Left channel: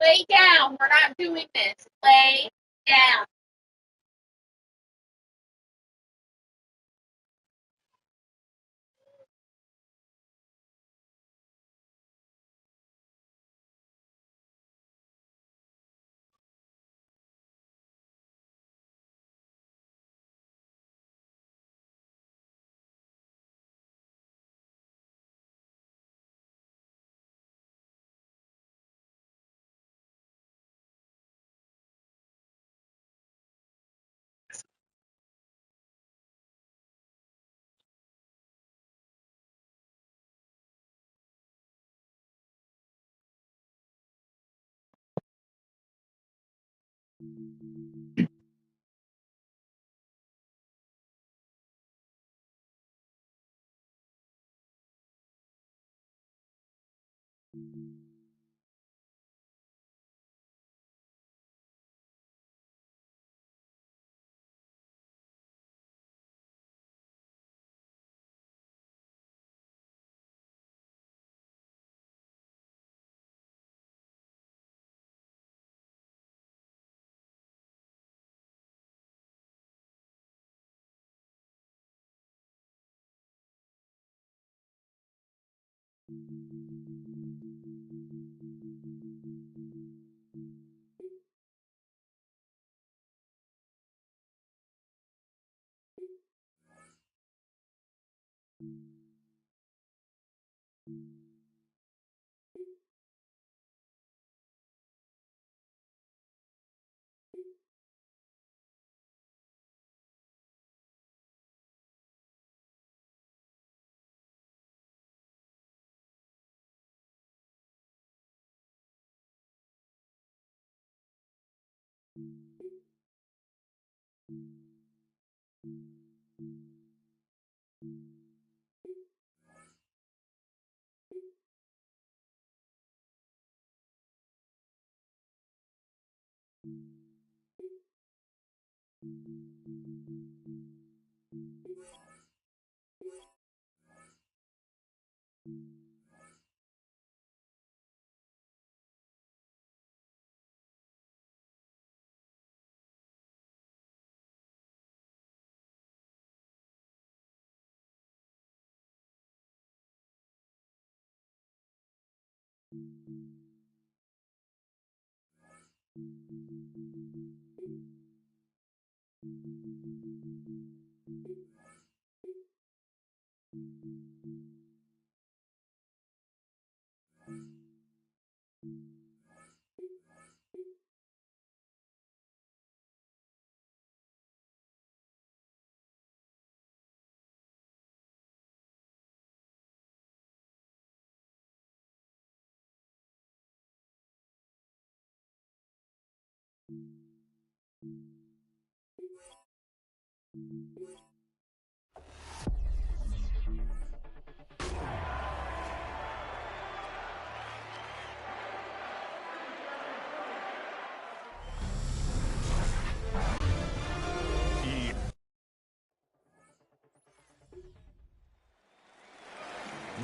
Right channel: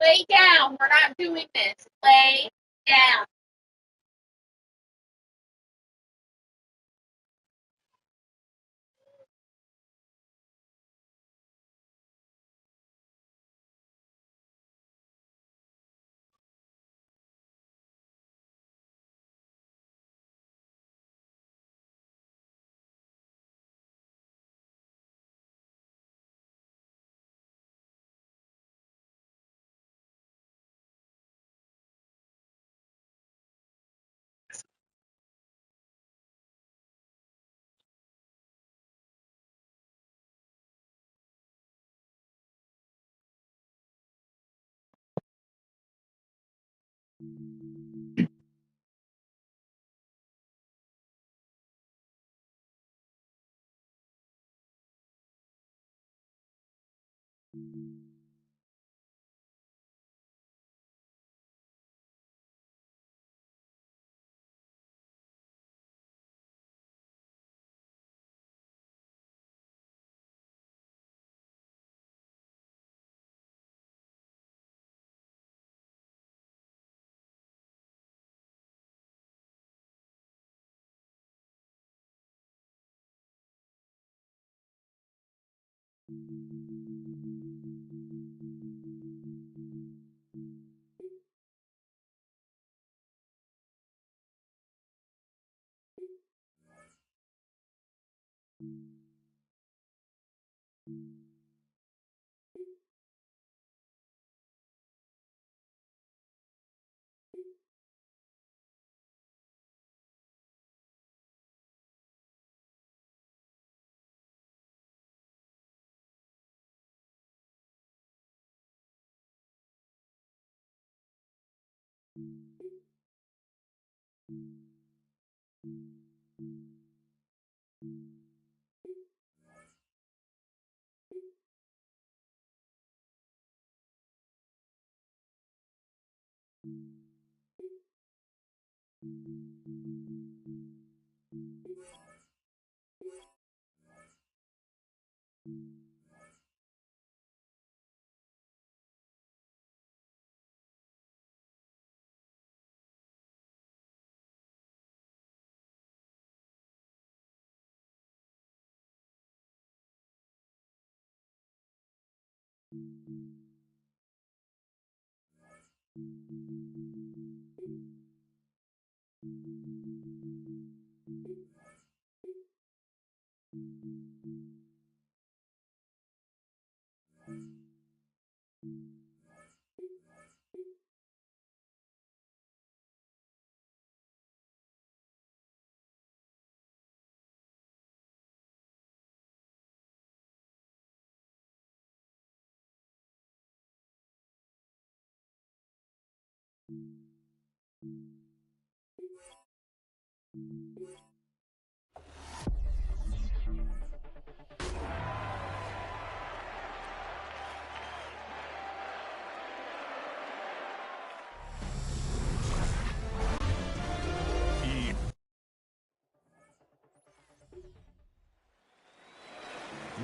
Lay down. We're not doing this. Lay down.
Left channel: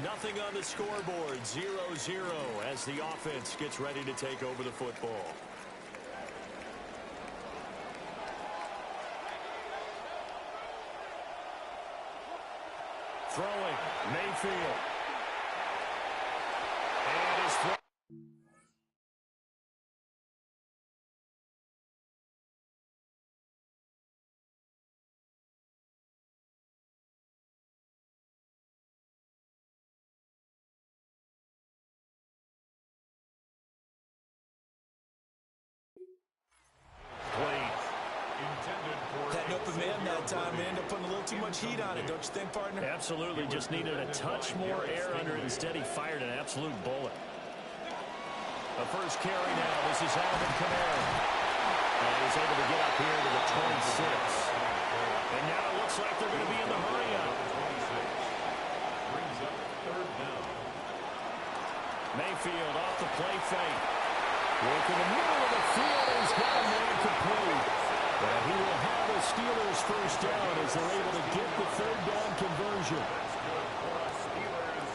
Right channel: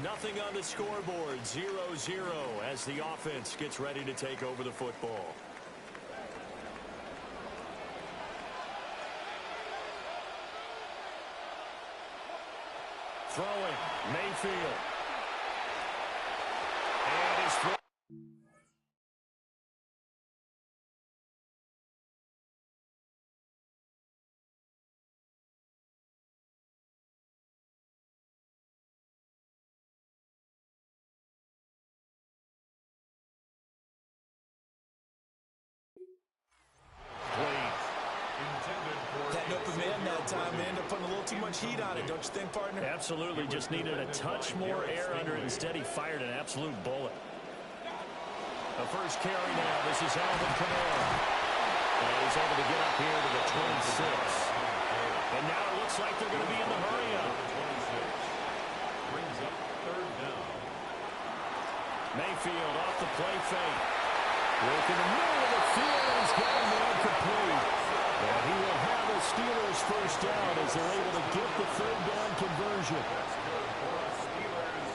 Nothing on the scoreboard, 0-0 as the offense gets ready to take over the football. Throwing, Mayfield. And his throw. That open man that time, they end up putting a little too much heat on it, don't you think, partner? Absolutely, just needed a touch more air under it. Instead, he fired an absolute bullet. The first carry now. This is Alvin Kamara. And he's able to get up here to the 26. And now it looks like they're going to be in the hurry-up. Brings up third down. Mayfield off the play fake. Work in the middle of the field, and he's got a man complete. And he will have the Steelers first down as they're able to get the third down conversion. That's good for us Steelers.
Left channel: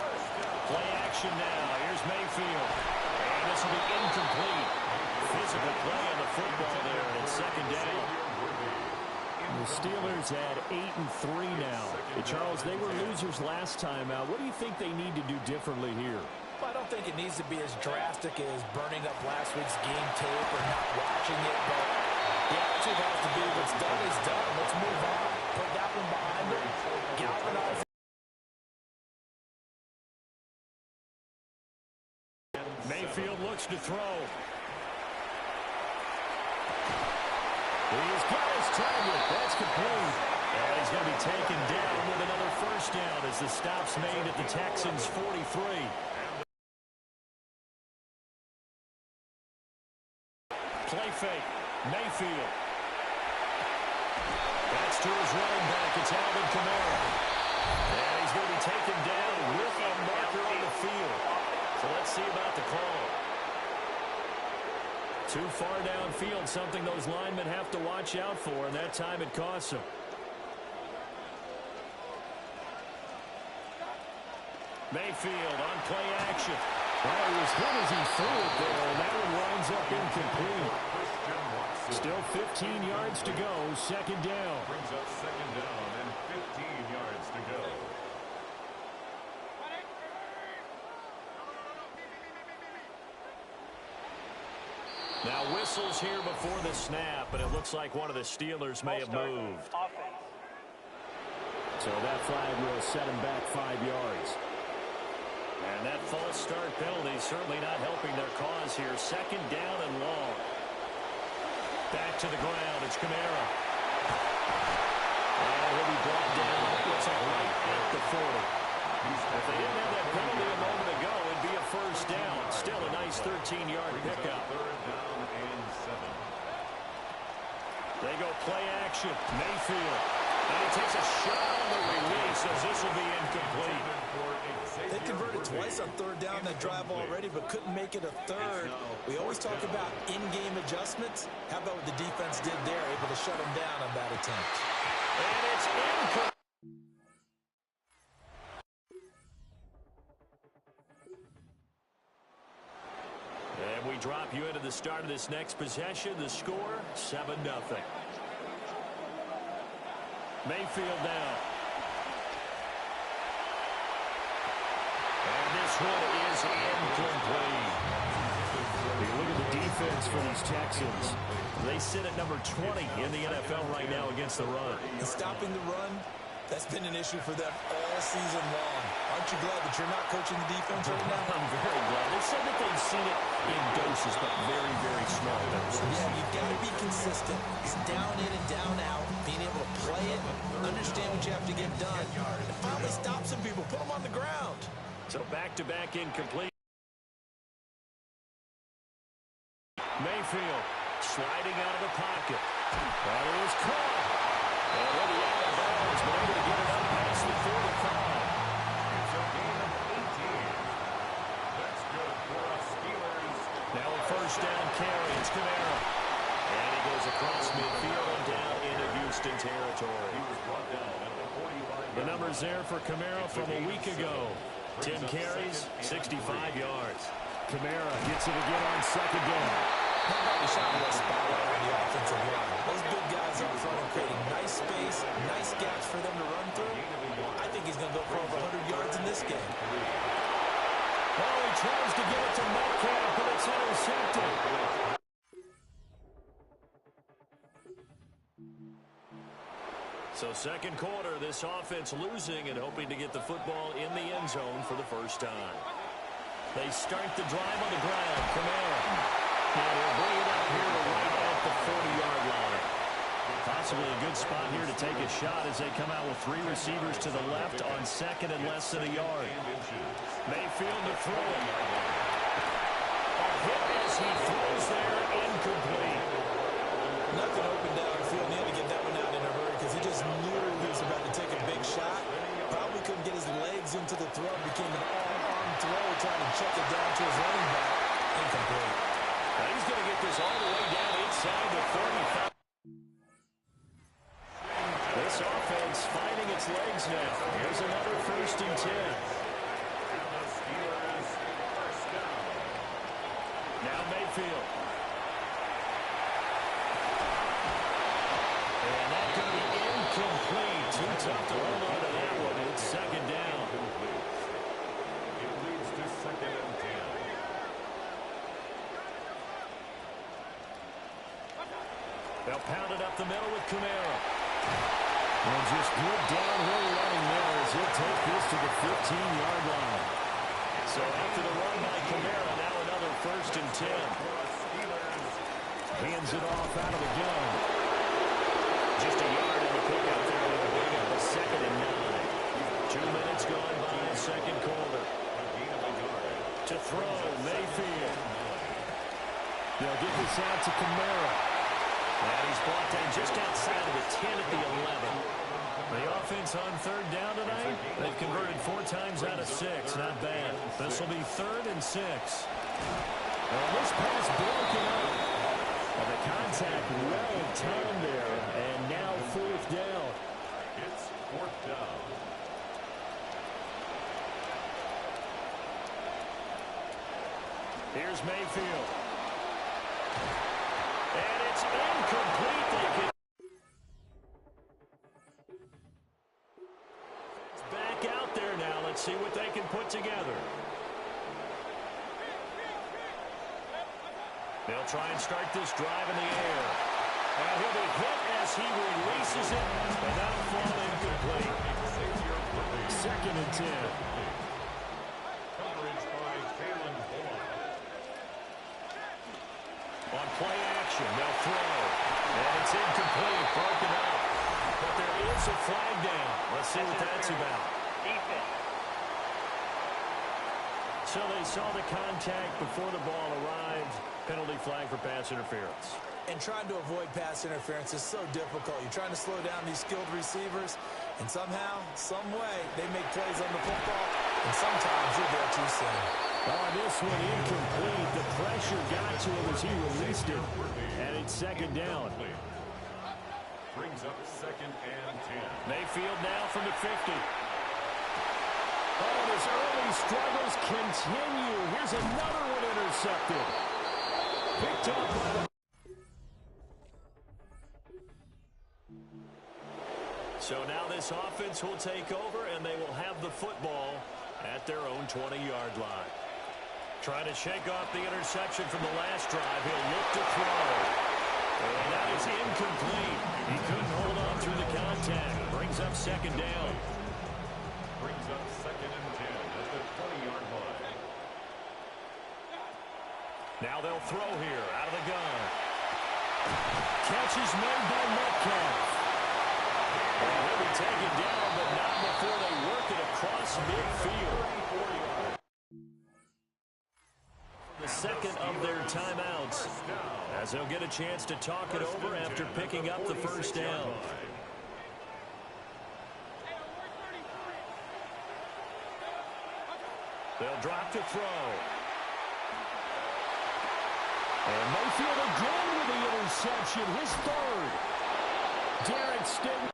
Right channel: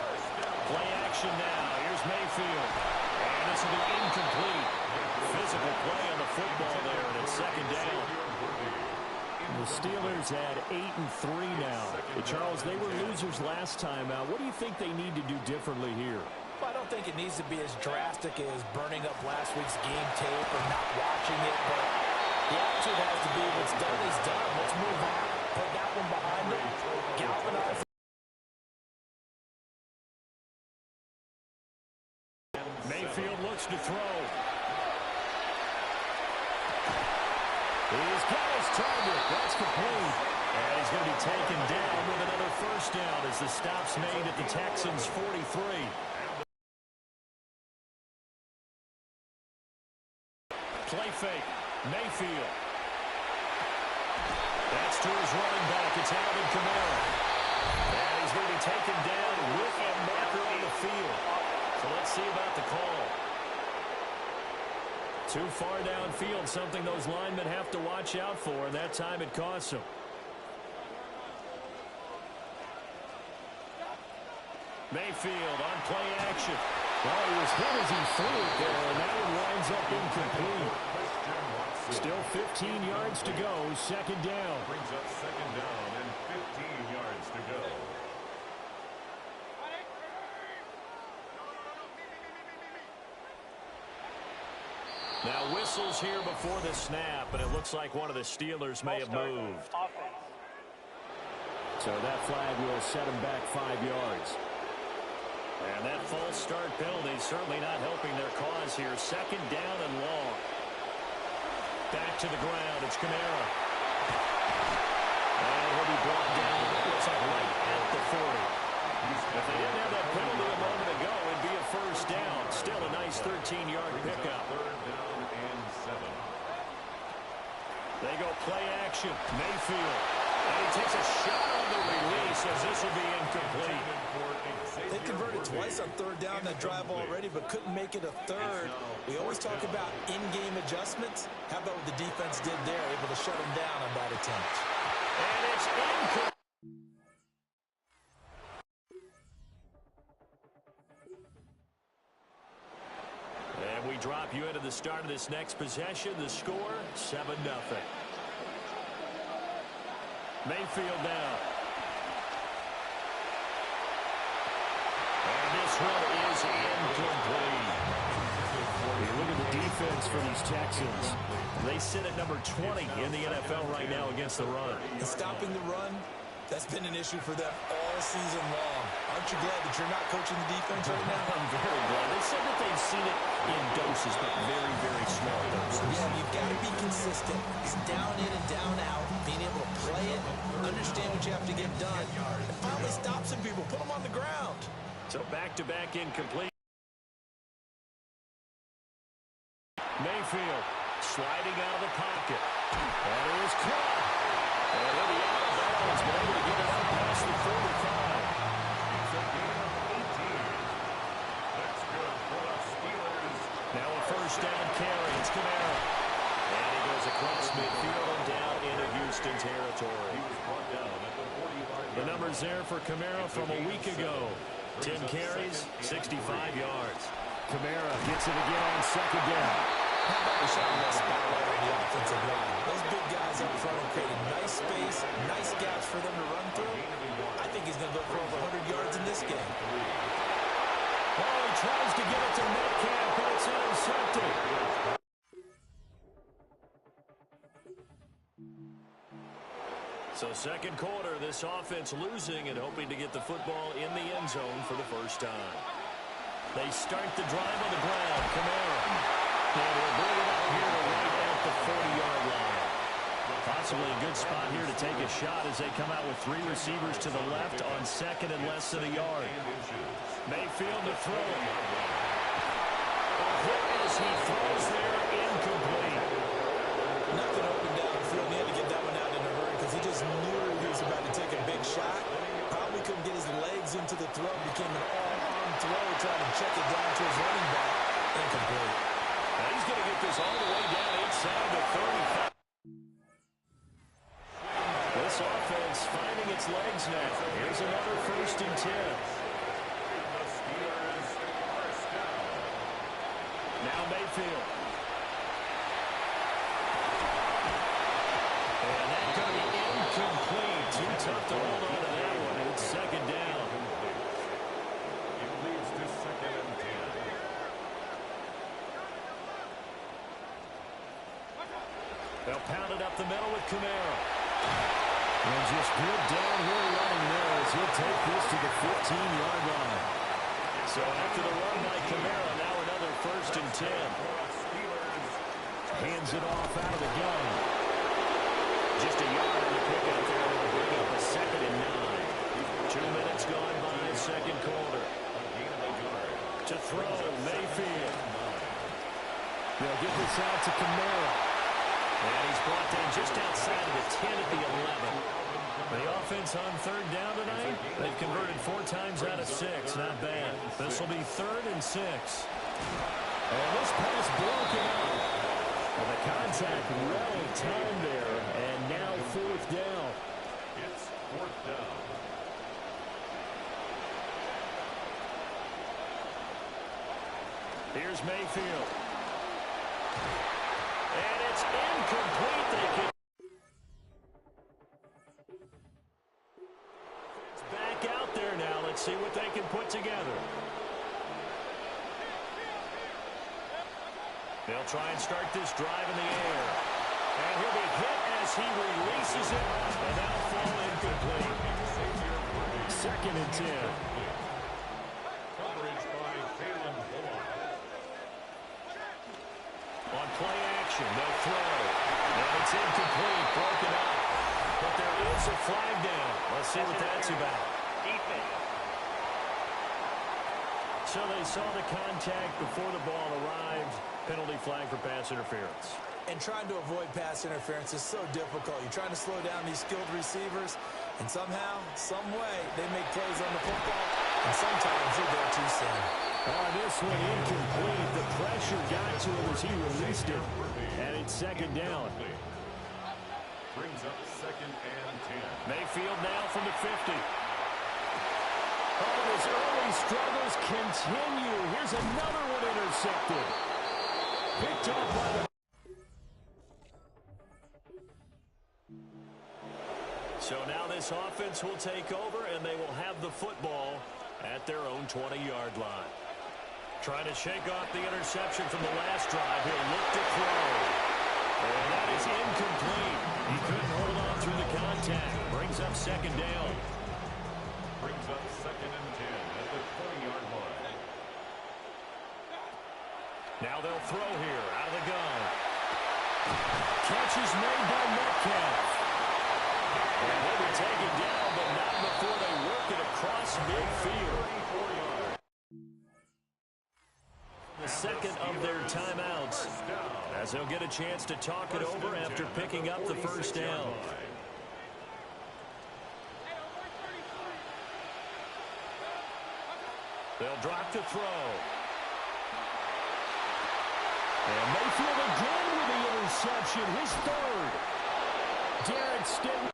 First down. Play action now. Here's Mayfield. And this will be incomplete. Physical play on the football there, and it's second down. The Steelers at 8-3 now. Charles, they were losers last time out. What do you think they need to do differently here? Well, I don't think it needs to be as drastic as burning up last week's game tape or not watching it, but the attitude has to be what's done is done. Let's move on. Put that one behind them. Galvanize. Mayfield looks to throw. He's got his target. That's complete. And he's going to be taken down with another first down as the stop's made at the Texans' 43. Play fake. Mayfield. That's to his running back. It's Alvin Kamara. And he's going to be taken down with a marker on the field. So let's see about the call. Too far downfield, something those linemen have to watch out for, and that time it costs them. Mayfield on play action. Oh, he was hit as he threw it there, and that one winds up incomplete. Still 15 yards to go, second down. Brings up second down and 15 yards to go. Now whistles here before the snap, and it looks like one of the Steelers may have moved. So that flag will set him back 5 yards. And that false start penalty is certainly not helping their cause here. Second down and long. Back to the ground. It's Kamara. And he'll be brought down. Looks like right at the 40. If they didn't have that penalty a moment ago, it'd be a first down. Still a nice 13-yard pickup. Third down and 7. They go play action. Mayfield. And he takes a shot on the release as this will be incomplete. They converted twice on third down that drive already, but couldn't make it a third. We always talk about in-game adjustments. How about what the defense did there, able to shut them down on that attempt? And it's incomplete. And we drop you into the start of this next possession. The score, 7-0. Mayfield now. And this one is incomplete. You look at the defense for these Texans. They sit at number 20 in the NFL right now against the run. And stopping the run, that's been an issue for them all season long. Aren't you glad that you're not coaching the defense right now? I'm very glad. They said that they've seen it in doses, but very, very small doses. Yeah, you've got to be consistent. It's down in and down out, being able to play it, understand what you have to get done, and finally stop some people, put them on the ground. So back-to-back incomplete. Mayfield sliding out of the pocket. That is caught. And he'll be out of bounds, but able to get it up past the 45. It's a gain of 18. That's good for us Steelers. Now a first down carry. It's Kamara. And he goes across midfield and down into Houston territory. He was brought down at the 45. The numbers there for Kamara from a week ago. 10 carries, 65 yards. Kamara gets it again on second down. How about we shine a little spotlight on the offensive line? Those big guys up front are creating nice space, nice gaps for them to run through. I think he's going to go for over 100 yards in this game. Oh, he tries to get it to Metcalf, but it's intercepted. So second quarter, this offense losing and hoping to get the football in the end zone for the first time. They start the drive on the ground. Kamara. And he'll bring it up here to right at the 40-yard line. Possibly a good spot here to take a shot as they come out with 3 receivers to the left on second and less than a yard. Mayfield to throw it. he throws there, incomplete. Nothing open downfield, and he had to get that one out in a hurry because he just knew he was about to take a big shot. Probably couldn't get his legs into the throw. Became an all-arm throw, trying to check it down to his running back. Incomplete. Now he's going to get this all the way down inside the 35. This offense finding its legs now. Here's another 1st and 10. And the Steelers first down. Now Mayfield. And that's going to be incomplete. Too tough to hold on to that one. It's 2nd down. It leads to 2nd and 10. They'll pound it up the middle with Kamara. And just good downhill running there as he'll take this to the 15-yard line. So after the run by Kamara, now another 1st and 10. Hands it off out of the gun. Just a yard in the pick out there. It'll bring up a 2nd and 9. 2 minutes gone by, 2nd quarter. To throw, Mayfield. They'll get this out to Kamara. And he's brought down just outside of the 10 at the 11. The offense on 3rd down tonight, they've converted 4 times out of 6. Not bad. This will be 3rd and 6. And this pass broken up. And the contact well timed there. And now 4th down. It's 4th down. Here's Mayfield. And it's incomplete. They can. It's back out there now. Let's see what they can put together. They'll try and start this drive in the air. And he'll be hit as he releases it. And that'll fall incomplete. 2nd and 10. Coverage by Kalen Bullock. On play action, they'll throw. And it's incomplete, broken up. But there is a flag down. Let's see what that's about. Defense. So they saw the contact before the ball arrived. Penalty flag for pass interference. And trying to avoid pass interference is so difficult. You're trying to slow down these skilled receivers, and somehow, some way, they make plays on the football, and sometimes you're there too soon. Oh, this one incomplete. The pressure got to him as he released it. And it's 2nd down. Brings up 2nd and 10. Mayfield now from the 50. Oh, and his early struggles continue. Here's another one intercepted. Picked up by the... So now this offense will take over, and they will have the football at their own 20-yard line. Trying to shake off the interception from the last drive. He'll look to throw. And that is incomplete. He couldn't hold on through the contact. Brings up 2nd down. Brings up 2nd and 10 at the 20-yard line. Now they'll throw here out of the gun. Catch is made by Metcalf. And he'll be taken down, but not before they work it across midfield. 34 yards. The 2nd of their timeouts, as they'll get a chance to talk it over after picking up the 1st down. They'll drop to throw. And Mayfield again with the interception, his 3rd. Derek Stingley.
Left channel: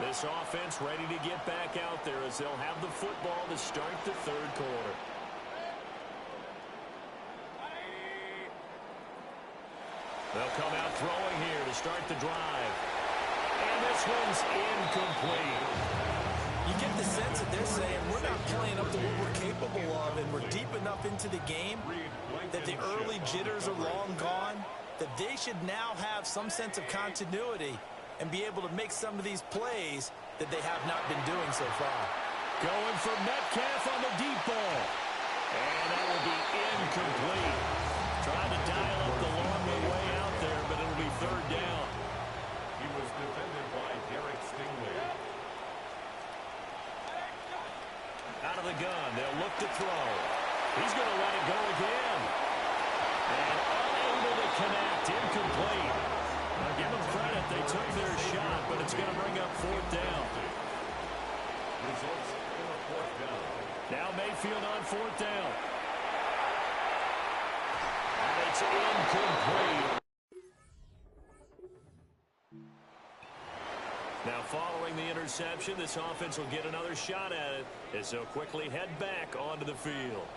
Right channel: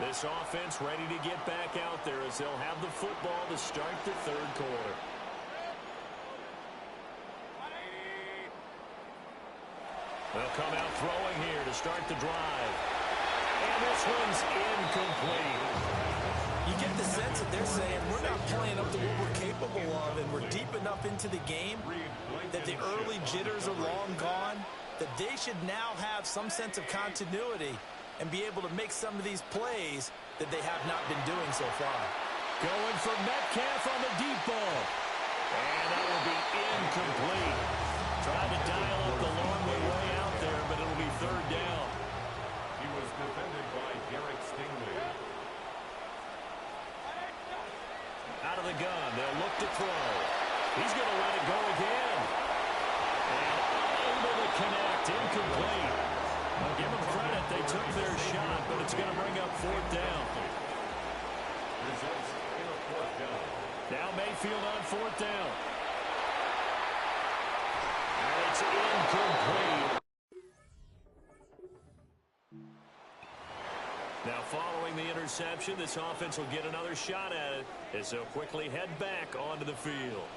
This offense ready to get back out there as they'll have the football to start the 3rd quarter. They'll come out throwing here to start the drive. And this one's incomplete. You get the sense that they're saying we're not playing up to what we're capable of, and we're deep enough into the game that the early jitters are long gone, that they should now have some sense of continuity and be able to make some of these plays that they have not been doing so far. Going for Metcalf on the deep ball. And that will be incomplete. Trying to dial up the long way out there, but it'll be 3rd down. He was defended by Derek Stingley. Out of the gun, they'll look to throw. He's going to let it go again. And unable to connect, incomplete. Now give them credit, they took their shot, but it's going to bring up fourth down. Results in a fourth down. Now Mayfield on fourth down. And it's incomplete. Now following the interception, this offense will get another shot at it as they'll quickly head back onto the field.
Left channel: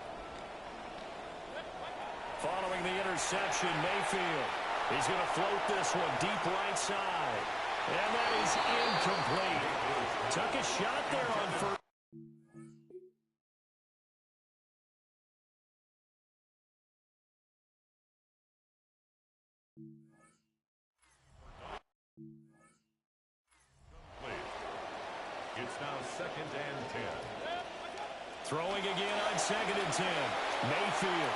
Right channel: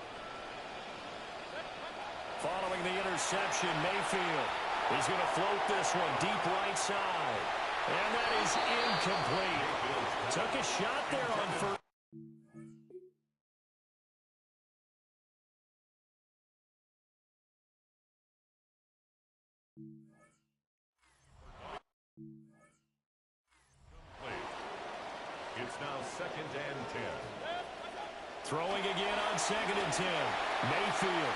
Following the interception, Mayfield. He's going to float this one deep right side. And that is incomplete. Took a shot there on first. It's now 2nd and 10. Throwing again on 2nd and 10. Mayfield.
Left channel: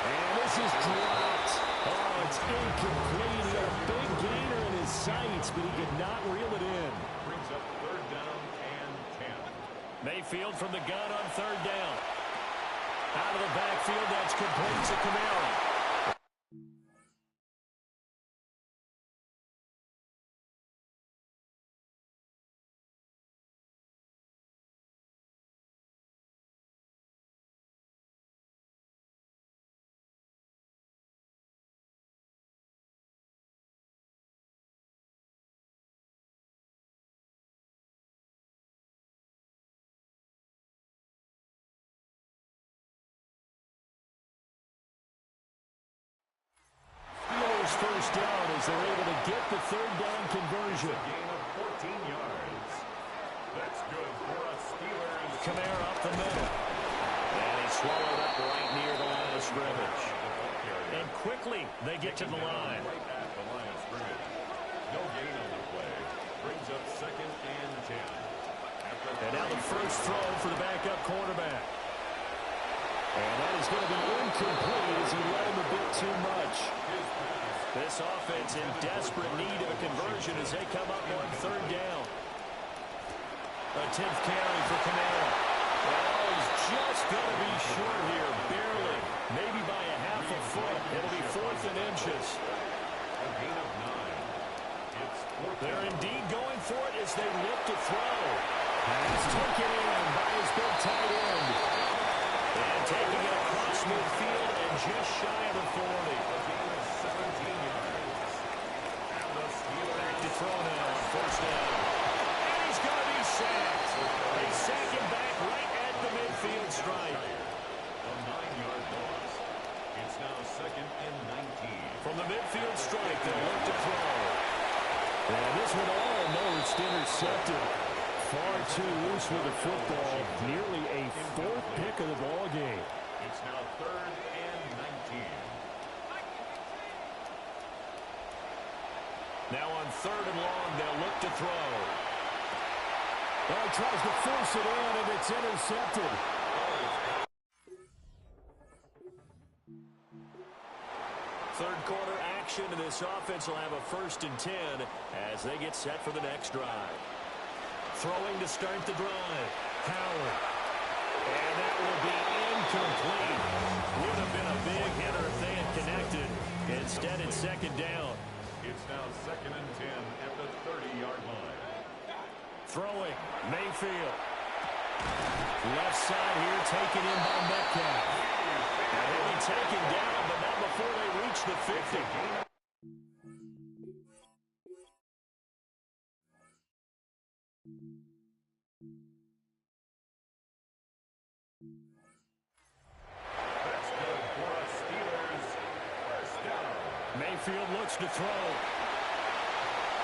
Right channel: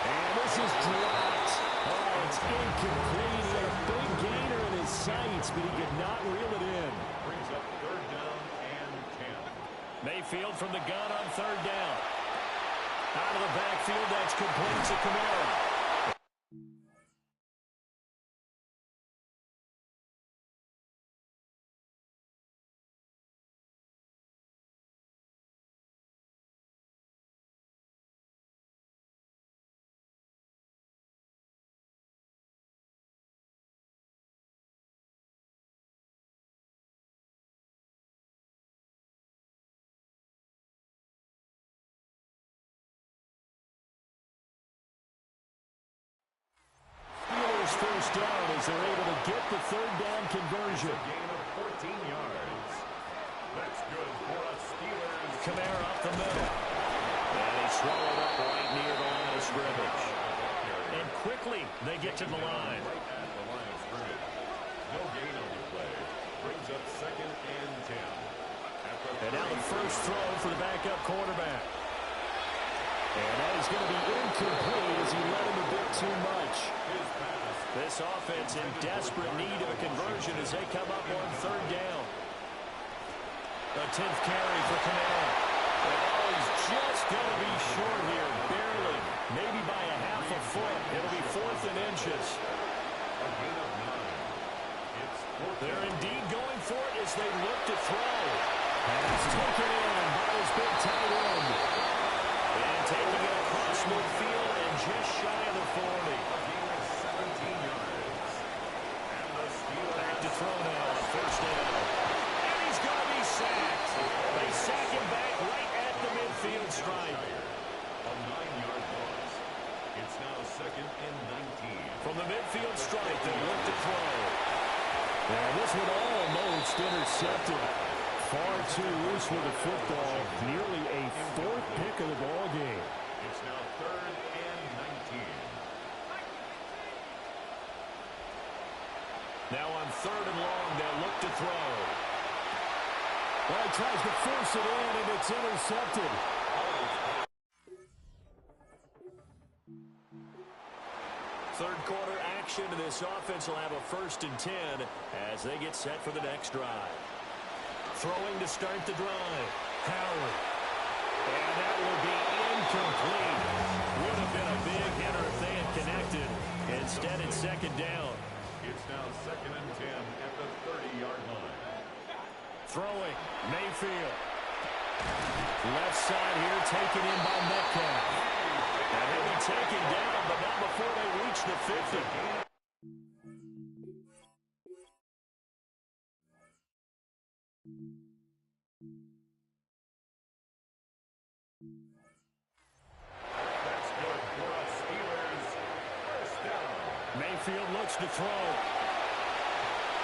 And this is dropped. Oh, it's incomplete. He had a big gainer in his sights, but he could not reel it in. Brings up 3rd down and 10. Mayfield from the gun on 3rd down. Out of the backfield, that's complete to Kamara. First down as they're able to get the 3rd down conversion. It's a gain of 14 yards. That's good for us Steelers. Kamara up the middle. And he swallowed up right near the line of scrimmage. And quickly they get to the line. Right at the line of scrimmage. No gain on the play. Brings up 2nd and 10. And now the first throw for the backup quarterback. And that is going to be incomplete as he led him a bit too much. This offense in desperate need of a conversion as they come up on 3rd down. A 10th carry for Kamara. Oh, he's just going to be short here, barely. Maybe by a half a foot. It'll be 4th and inches. A gain of 9. It's 4th. They're indeed going for it as they look to throw. Pass taken in by his big tight end. And taking it across midfield and just shy of the 40. A gain of 17 yards. And the Steelers back to throw now on 1st down. And he's going to be sacked. They sack him back right at the midfield stripe. A 9-yard loss. It's now 2nd and 19. From the midfield stripe, they look to throw. And this one almost intercepted. Far too loose with the football. Nearly a 4th pick of the ball game. It's now 3rd and 19. Now on 3rd and long, they'll look to throw. Well, he tries to force it in, and it's intercepted. Third quarter action, and this offense will have a 1st and 10 as they get set for the next drive. Throwing to start the drive. Howard. And that will be incomplete. Would have been a big hitter if they had connected. Instead, it's 2nd down. It's now 2nd and 10 at the 30-yard line. Throwing. Mayfield. Left side here taken in by Metcalf. Now he'll be taken down, but not before they reach the 50. That's good for us Steelers. 1st down. Mayfield looks to throw.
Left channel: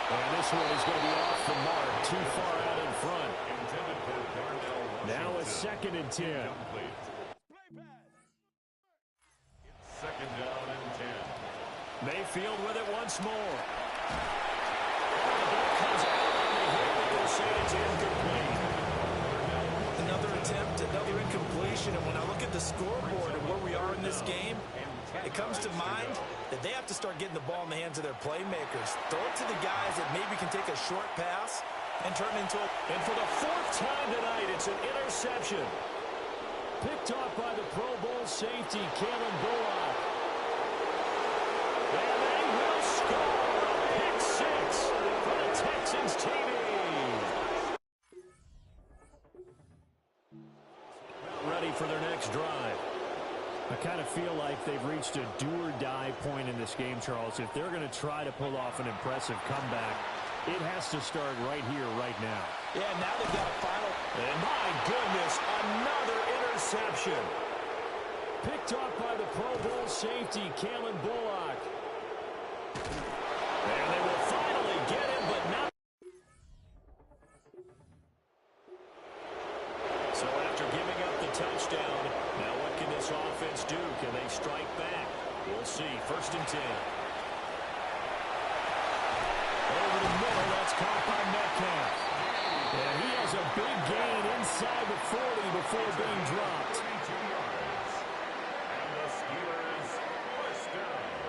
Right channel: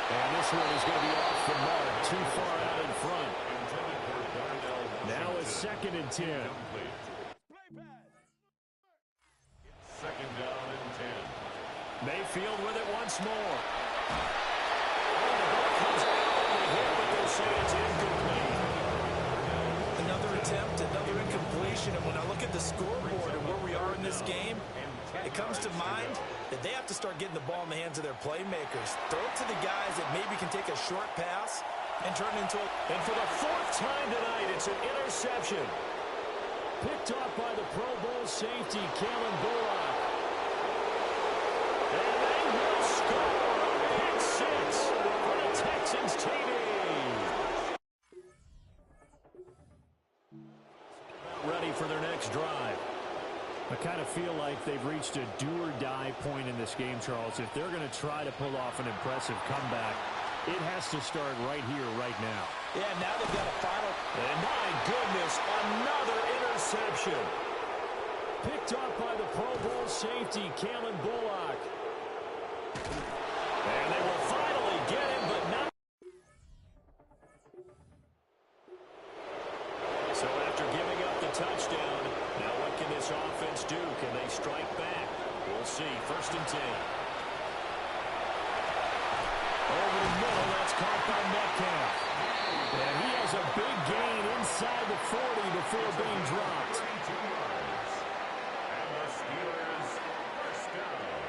And this one is going to be off the mark, too far out in front. Intended for Darnell Washington. Now a 2nd and 10. Incomplete. It's 2nd down and 10. Mayfield with it once more. Oh, the ball comes out on the hit, but they'll say it's incomplete. Another attempt, another incompletion, and when I look at the scoreboard and where we are in this game, it comes to mind that they have to start getting the ball in the hands of their playmakers. Throw it to the guys that maybe can take a short pass and turn into a... And for the fourth time tonight, it's an interception. Picked off by the Pro Bowl safety, Kalen Bullock. And they will score a pick six for the Texans TV. Ready for their next drive. I kind of feel like they've reached a do-or-die point in this game, Charles. If they're going to try to pull off an impressive comeback, it has to start right here, right now. Yeah, now they've got a final. And my goodness, another interception. Picked off by the Pro Bowl safety, Kalen Bullock. And they will finally get him, but not. So after giving up the touchdown, now what can this offense do? Can they strike back? We'll see. 1st and 10. Over the middle, that's caught by Metcalf. And he has a big gain inside the 40 before being dropped. 32 yards. And the Steelers first down.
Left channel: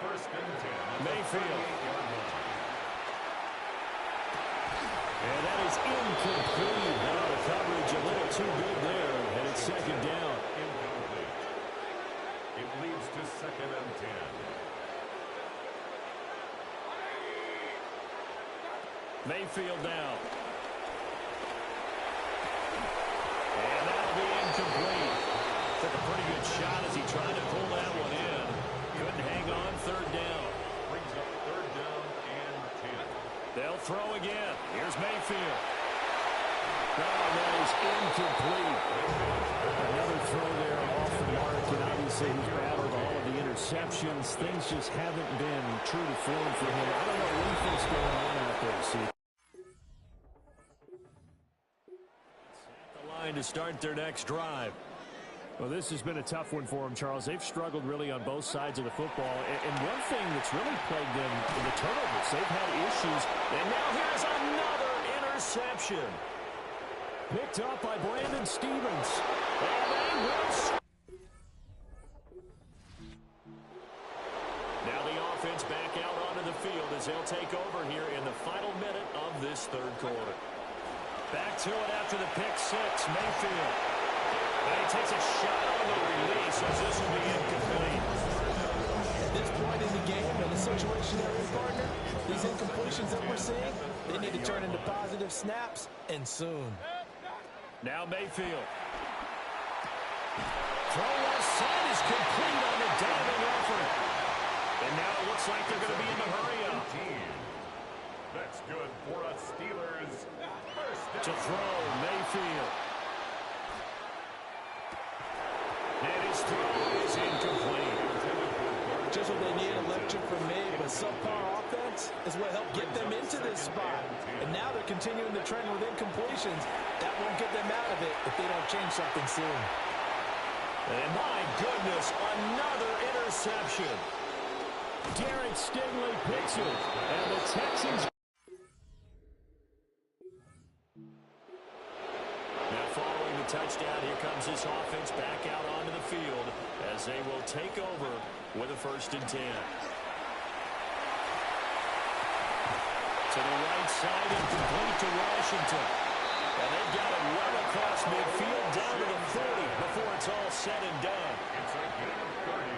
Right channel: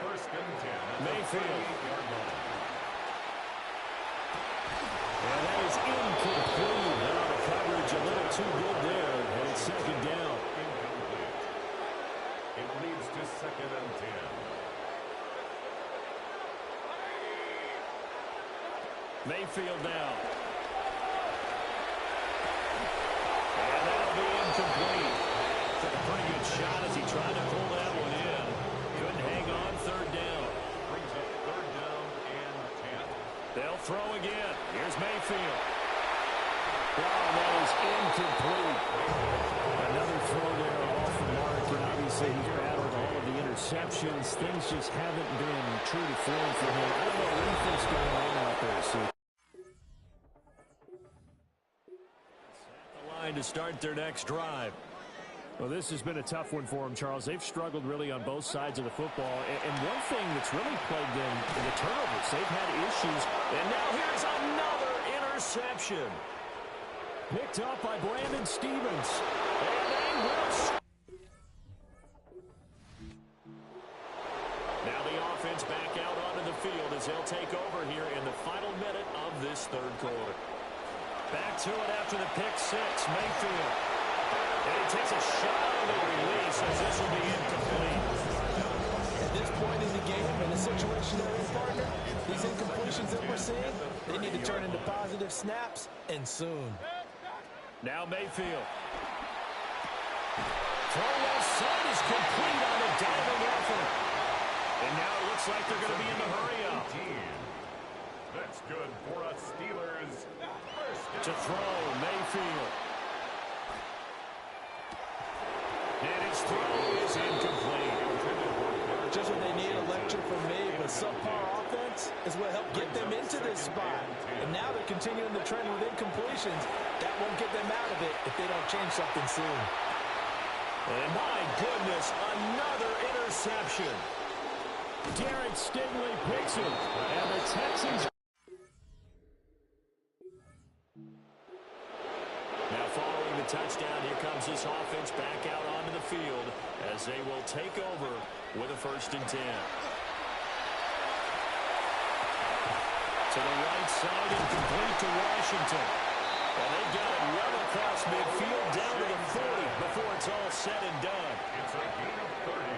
1st and 10. Mayfield. Yard line. And that is incomplete. Now the coverage a little too good there, and it's 2nd down. Incomplete. It leads to 2nd and 10. Mayfield now. And that'll be incomplete. Took a pretty good shot as he tried to pull that one in. Couldn't hang on. 3rd down. Brings up 3rd down and 10. They'll throw again. Here's Mayfield. Oh, that is incomplete. Another throw there off the mark, and obviously he's battled all of the interceptions. Things just haven't been true to form for him. I don't know what he thinks going on out there, see. At the line to start their next drive. Well, this has been a tough one for them, Charles. They've struggled really on both sides of the football. And one thing that's really plagued them in the turnovers, they've had issues. And now here's another interception. Picked up by Brandon Stevens. And they will. Now the offense back out onto the field as they'll take over here in the final minute of this 3rd quarter. Back to it after the pick six, Mayfield. And he takes a shot on the release as this will be incomplete. At this point in the game, in the situation they're in, partner, these incompletions that we're seeing, they need to turn into positive snaps, and soon. Now Mayfield. Throw left side is complete on a diving effort. And now it looks like they're going to be in the hurry up. That's good for us Steelers. First To down. throw, Mayfield. And his throw is incomplete. Just what they need, a lecture from me, but subpar offense is what helped get them into this spot. And now they're continuing the trend with incompletions. That won't get them out of it if they don't change something soon. And my goodness, another interception. Derek Stingley picks it, and the Texans. Now following the touchdown, here comes this offense back out onto the field as they will take over with a 1st and 10. To the right side and complete to Washington. And they've got it well across midfield down to the 40 before it's all said and done. It's a gain of 30.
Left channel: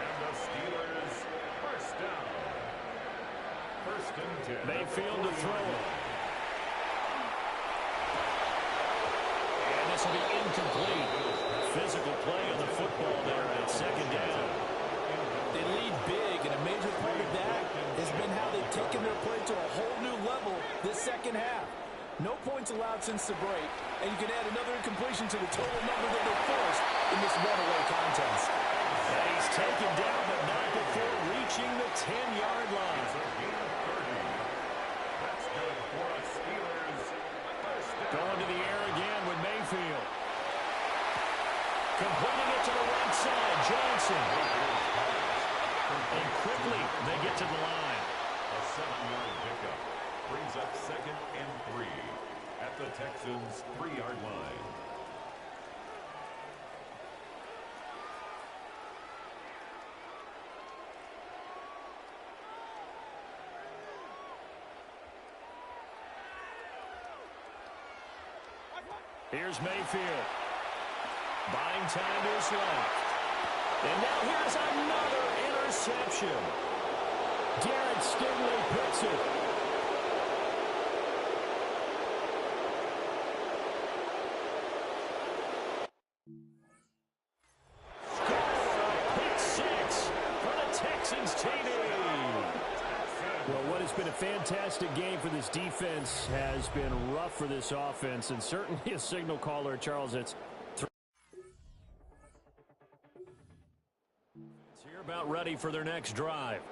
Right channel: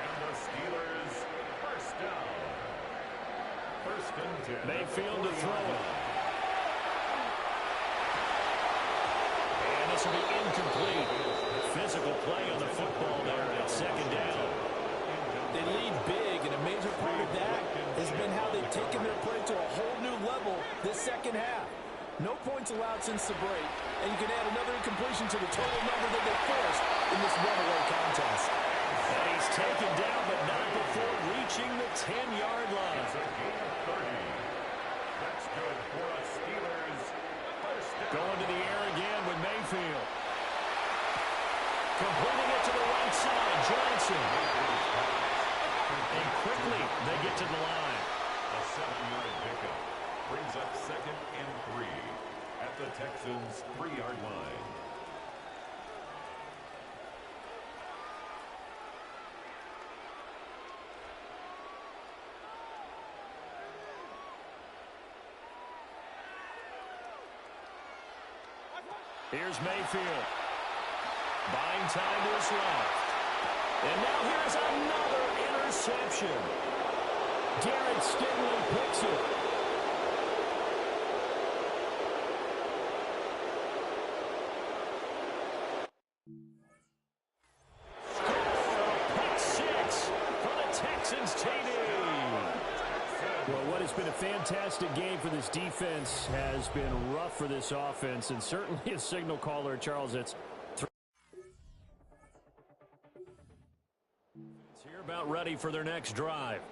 And the Steelers first down. 1st and 10. Mayfield to throw it. And this will be incomplete. Physical play on the football there at 2nd down. They lead big, and a major part of that has been how they've taken their play to a whole new level this 2nd half. No points allowed since the break, and you can add another incompletion to the total number that they forced in this runaway contest. And he's taken down, but not before reaching the 10-yard line. It's a gain of 30. That's good for us Steelers. First down. Going to the air again with Mayfield. Completing it to the right side, Johnson. And quickly they get to the line. A 7-yard pickup brings up 2nd and 3 at the Texans' 3-yard line. Here's Mayfield. Buying time to his left. And now here's another interception. Garrett Stingley picks it. Texans TD. Well, what has been a fantastic game for this defense has been rough for this offense, and certainly a signal caller, Charles, that's here about ready for their next drive.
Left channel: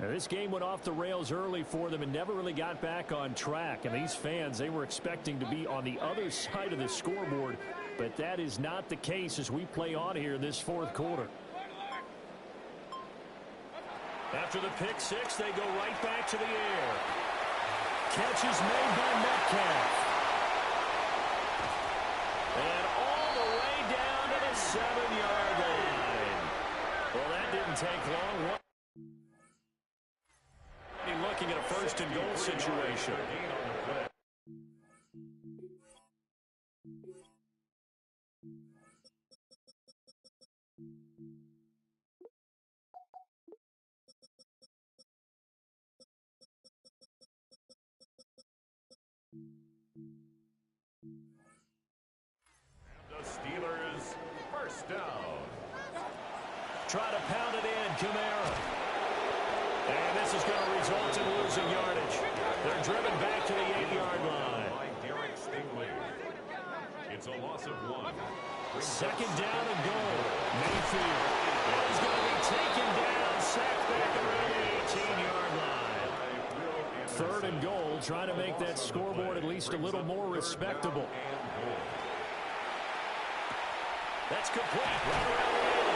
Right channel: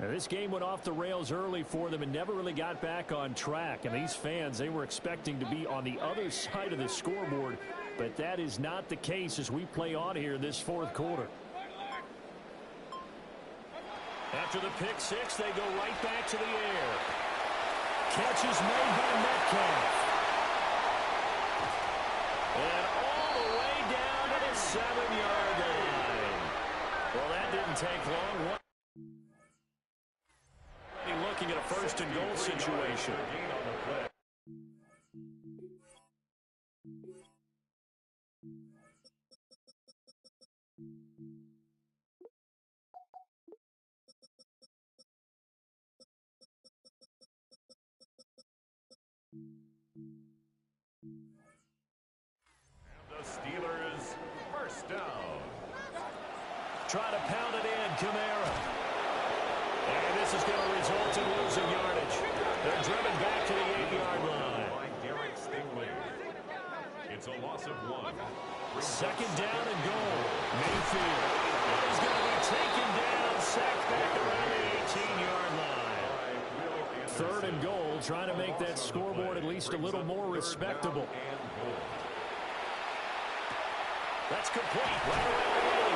Now, this game went off the rails early for them and never really got back on track. And these fans, they were expecting to be on the other side of the scoreboard, but that is not the case as we play on here in this fourth quarter. After the pick six, they go right back to the air. Catch is made by Metcalf. And all the way down to the 7-yard line. Well, that didn't take long. Looking at a first and goal situation. The Steelers first down. Try to pound it in, Kamara. And this is going to result in losing yardage. They're driven back to the 8-yard line. It's a loss of 1. Second down and goal. Mayfield. And he's going to be taken down, sacked back around the 18-yard line. Third and goal, trying to make that scoreboard at least a little more respectable. That's complete. Right around the 80.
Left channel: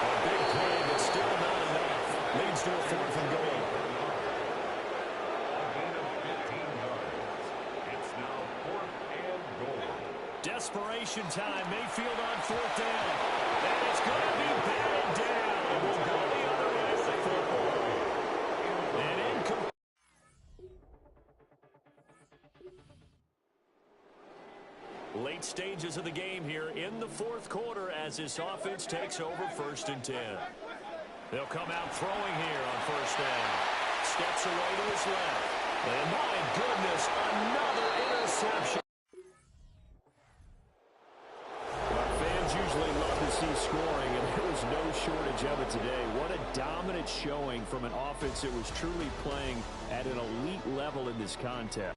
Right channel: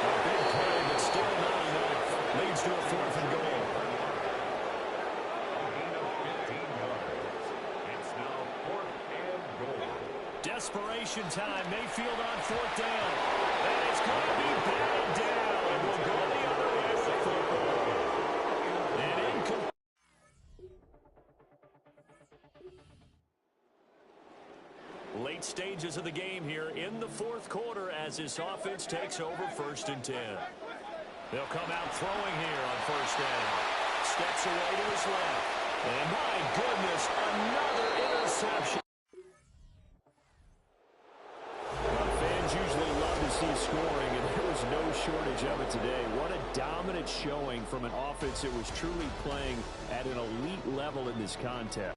A big play, but still not enough. Leads to a fourth and goal. A gain of 15 yards. It's now fourth and goal. Desperation time. Mayfield on fourth down. And it's going to be batted down. And we'll go the other way with the football. And incomplete. Late stages of the game here in the fourth quarter as this offense takes over first and 10. They'll come out throwing here on first down. Steps away to his left. And my goodness, another interception. Well, fans usually love to see scoring, and there was no shortage of it today. What a dominant showing from an offense that was truly playing at an elite level in this contest.